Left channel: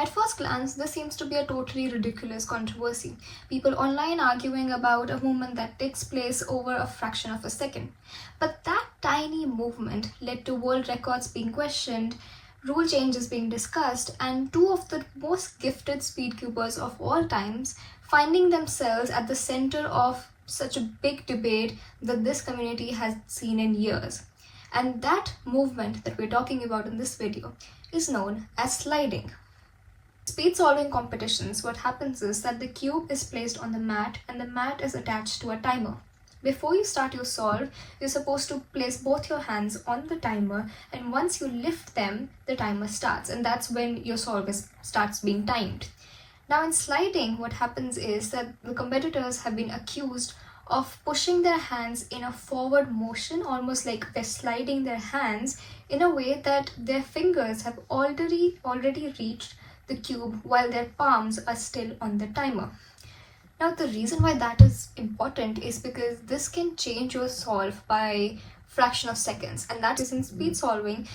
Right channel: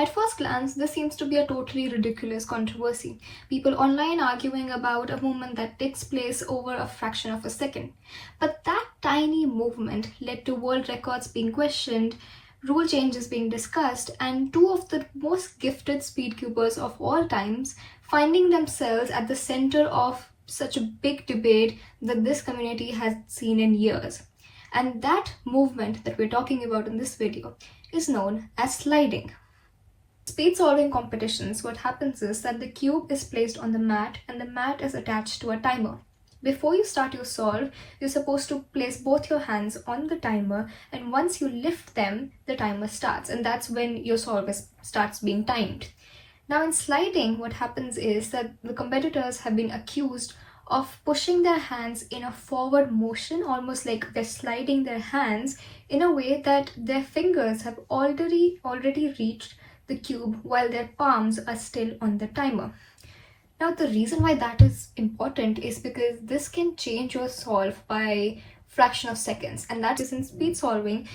At first glance, this seems to be a totally ridiculous controversy. People online arguing about a movement that takes place over a fraction of a second. But that tiny movement led to world records being questioned, rule changes being discussed, and two of the most gifted speedcubers of all times finding themselves at the center of such a big debate that this community has seen in years. And that movement that we're talking about in this video is known as sliding. Speed solving competitions, what happens is that the cube is placed on the mat and the mat is attached to a timer. Before you start your solve, you're supposed to place both your hands on the timer, and once you lift them, the timer starts, and that's when your solve starts being timed. Now in sliding, what happens is that the competitors have been accused of pushing their hands in a forward motion, almost like they're sliding their hands in a way that their fingers have already reached the cube while their palms are still on the timer. Now the reason why that is important is because this can change your solve by fraction of seconds, and that is in speed solving.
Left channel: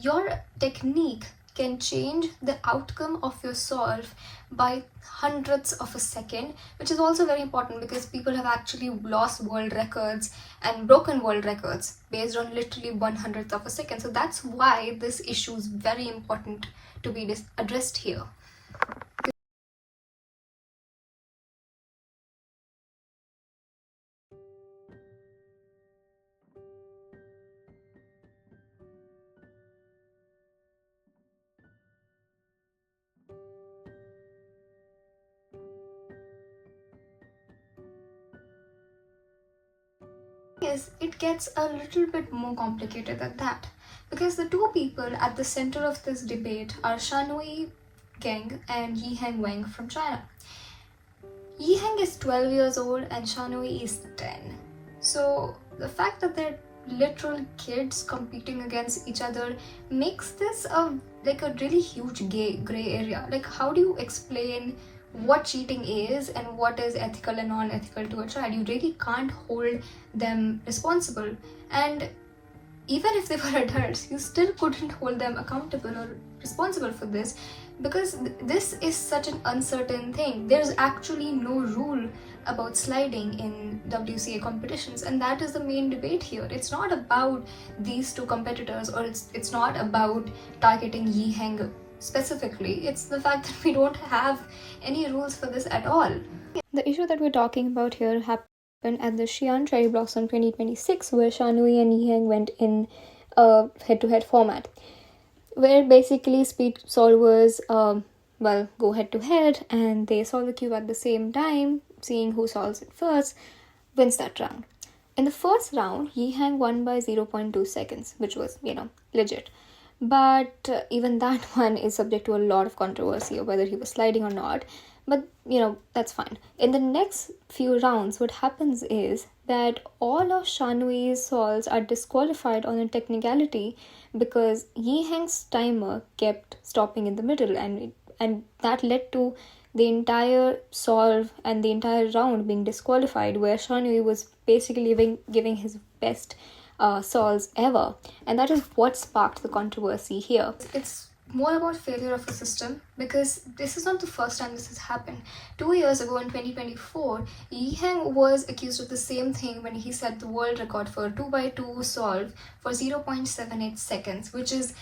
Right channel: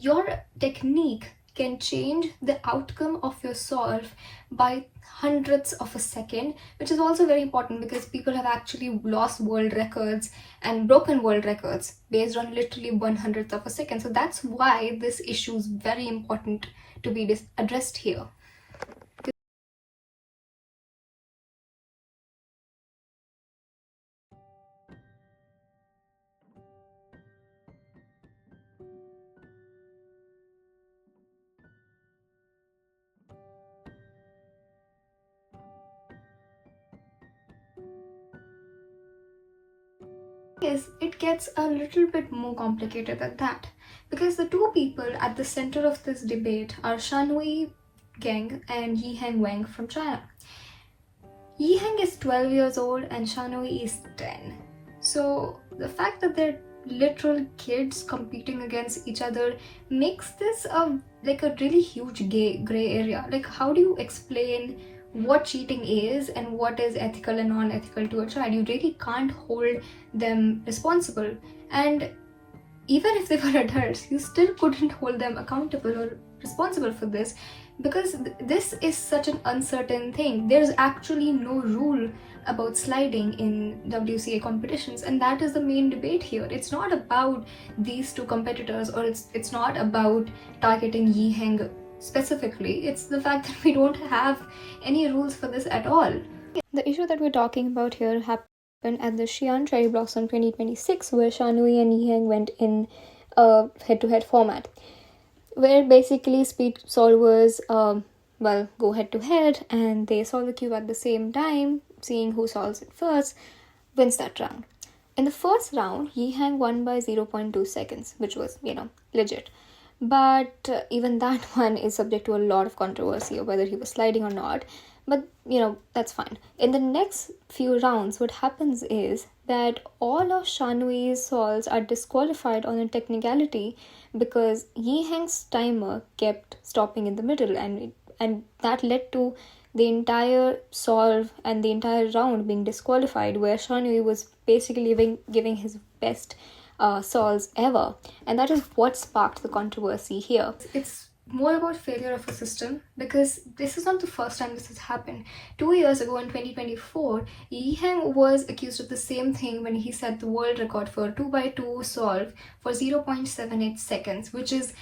Your technique can change the outcome of your solve by hundredths of a second, which is also very important because people have actually lost world records and broken world records based on literally 1/100th of a second. So that's why this issue is very important to be addressed here. Is it gets a little bit more complicated than that, because the two people at the center of this debate are Xunayi and Yiheng from China. Yiheng is 12 years old and Xunayi is 10. So the fact that they're literal kids competing against each other makes this a really huge gray area. Like, how do you explain what cheating is and what is ethical and non-ethical to a child? You really can't hold them responsible, and even if they were adults, you still couldn't hold them accountable or responsible for this, because this is such an uncertain thing. There's actually no rule about sliding in WCA competitions, and that is the main debate here. It's not about these two competitors, or it's not about targeting Yiheng specifically. It's the fact that we don't have any rules for this at all. The issue that we're talking about here happened at the Xi'an Cherry Blossom 2026, where Xunayi and Yiheng went in a head-to-head format, where basically speed solvers go head-to-head and they solve the cube at the same time. Seeing who solves it first wins that round. In the first round, Yiheng won by 0.2 seconds, which was, legit. But even that one is subject to a lot of controversy of whether he was sliding or not. But, that's fine. In the next few rounds, what happens is that all of Xunayi's solves are disqualified on a technicality because Yiheng's timer kept stopping in the middle, and that led to the entire solve and the entire round being disqualified, where Xunayi was basically giving his best solves ever. And that is what sparked the controversy here. It's more about failure of a system, because this is not the first time this has happened. 2 years ago in 2024, Yiheng was accused of the same thing when he set the world record for a 2x2 solve for 0.78 seconds, which is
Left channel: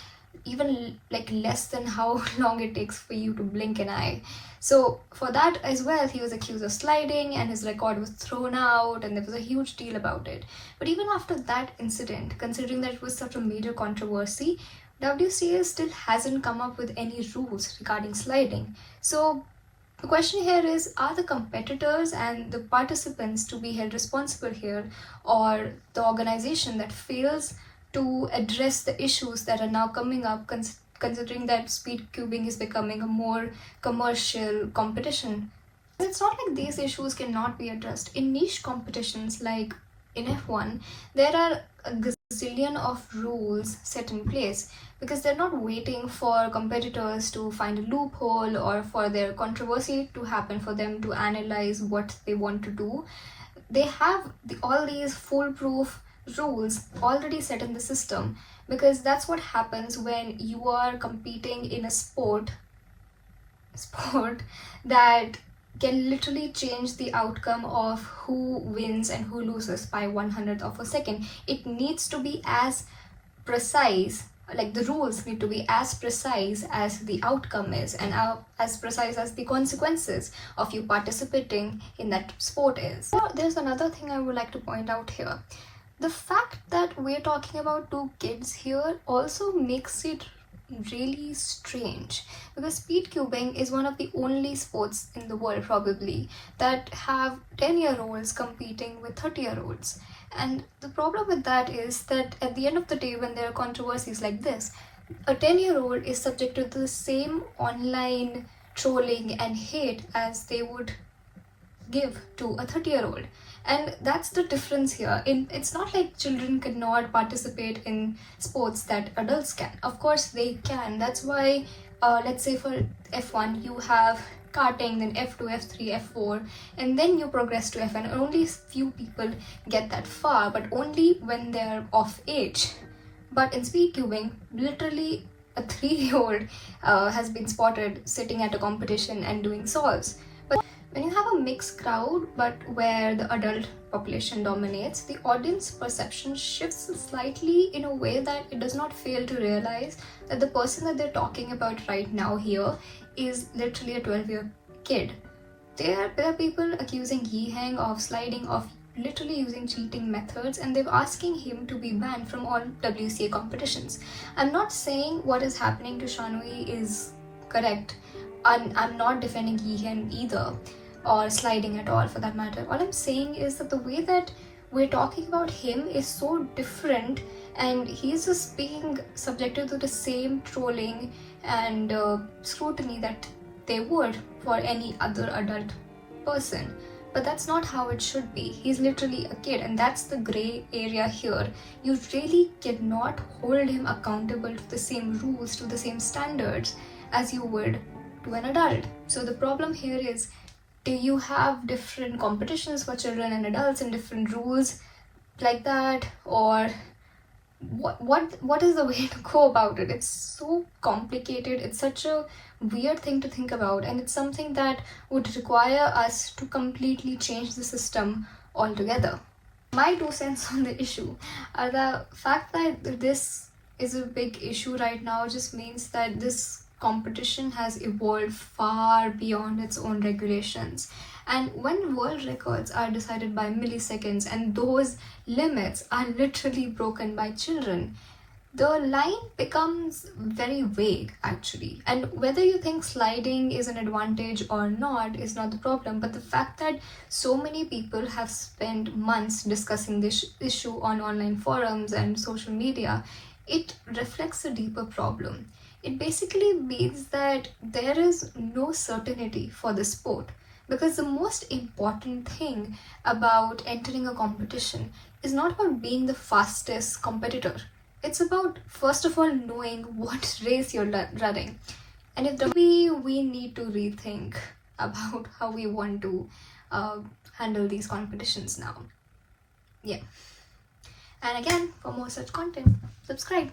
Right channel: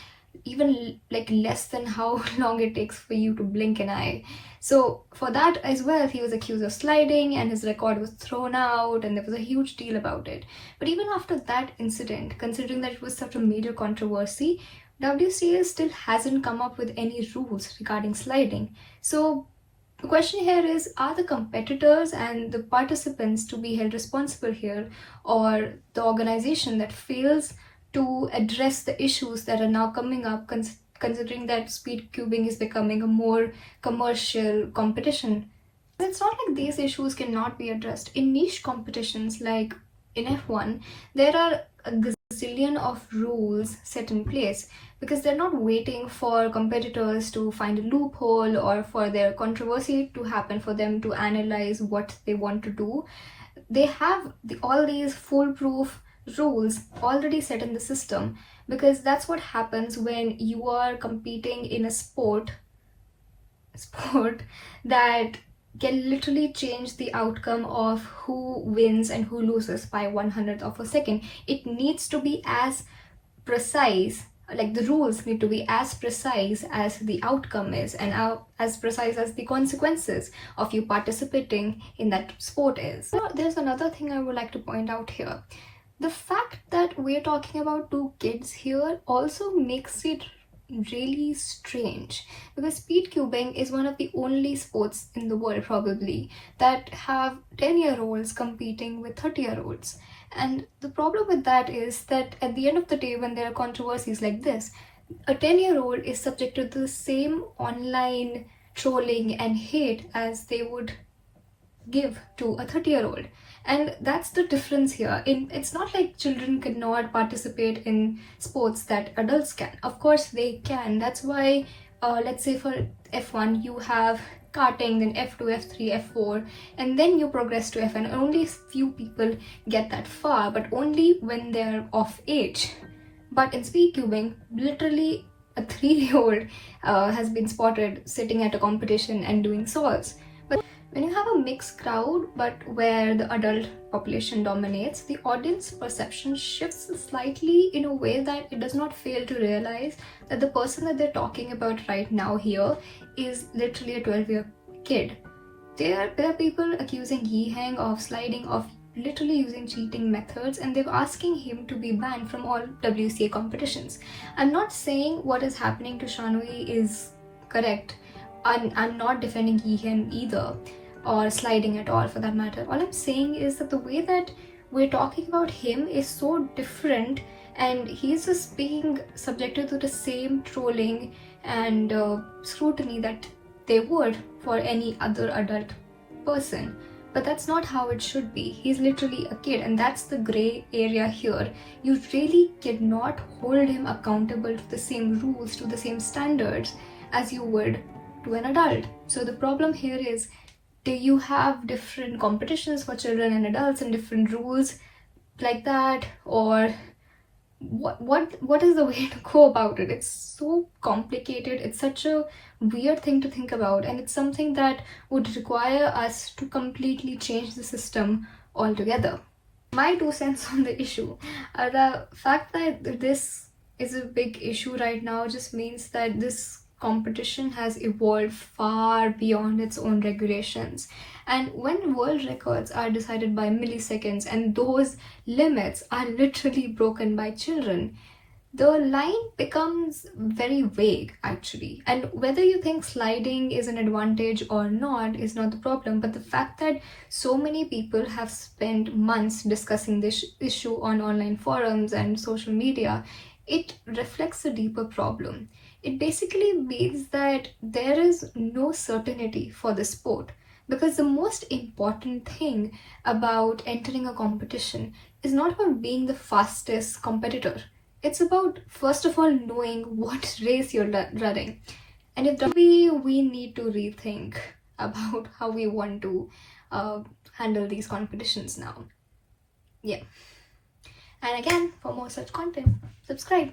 even less than how long it takes for you to blink an eye. So for that as well, he was accused of sliding and his record was thrown out, and there was a huge deal about it. But even after that incident, considering that it was such a major controversy, WCA still hasn't come up with any rules regarding sliding. So the question here is, are the competitors and the participants to be held responsible here, or the organization that fails to address the issues that are now coming up, considering that speedcubing is becoming a more commercial competition? It's not like these issues cannot be addressed. In niche competitions like in F1, there are a gazillion of rules set in place, because they're not waiting for competitors to find a loophole or for their controversy to happen for them to analyze what they want to do. They have all these foolproof rules already set in the system, because that's what happens when you are competing in a sport sport that can literally change the outcome of who wins and who loses by 1/100th of a second. It needs to be as precise, like the rules need to be as precise as the outcome is, and as precise as the consequences of you participating in that sport is. So there's another thing I would like to point out here. The fact that we're talking about two kids here also makes it really strange, because speedcubing is one of the only sports in the world probably that have 10-year-olds competing with 30-year-olds. And the problem with that is that at the end of the day, when there are controversies like this, a 10-year-old is subject to the same online trolling and hate as they would give to a 30-year-old. And that's the difference here. It's not like children cannot participate in sports that adults can. Of course they can. That's why, let's say for F1, you have karting, then F2, F3, F4, and then you progress to F1. Only few people get that far, but only when they're of age. But in speedcubing, literally a 3-year-old has been spotted sitting at a competition and doing solves. When you have a mixed crowd, but where the adult population dominates, the audience perception shifts slightly in a way that it does not fail to realize that the person that they're talking about right now here is literally a 12-year kid. There are people accusing Yiheng of sliding, of literally using cheating methods, and they're asking him to be banned from all WCA competitions. I'm not saying what is happening to Xunayi is correct. I'm not defending Yiheng either, or sliding at all for that matter. All I'm saying is that the way that we're talking about him is so different, and he's just being subjected to the same trolling and scrutiny that they would for any other adult person. But that's not how it should be. He's literally a kid, and that's the gray area here. You really cannot hold him accountable to the same rules, to the same standards as you would to an adult. So the problem here is, do you have different competitions for children and adults and different rules like that, or what is the way to go about it? It's so complicated. It's such a weird thing to think about, and it's something that would require us to completely change the system altogether. My 2 cents on the issue. The fact that this is a big issue right now just means that this competition has evolved far beyond its own regulations. And when world records are decided by milliseconds and those limits are literally broken by children, the line becomes very vague actually. And whether you think sliding is an advantage or not is not the problem, but the fact that so many people have spent months discussing this issue on online forums and social media, it reflects a deeper problem. It basically means that there is no certainty for the sport, because the most important thing about entering a competition is not about being the fastest competitor. It's about, first of all, knowing what race you're running. And if maybe we need to rethink about how we want to handle these competitions now. Yeah. And again, for more such content, subscribe.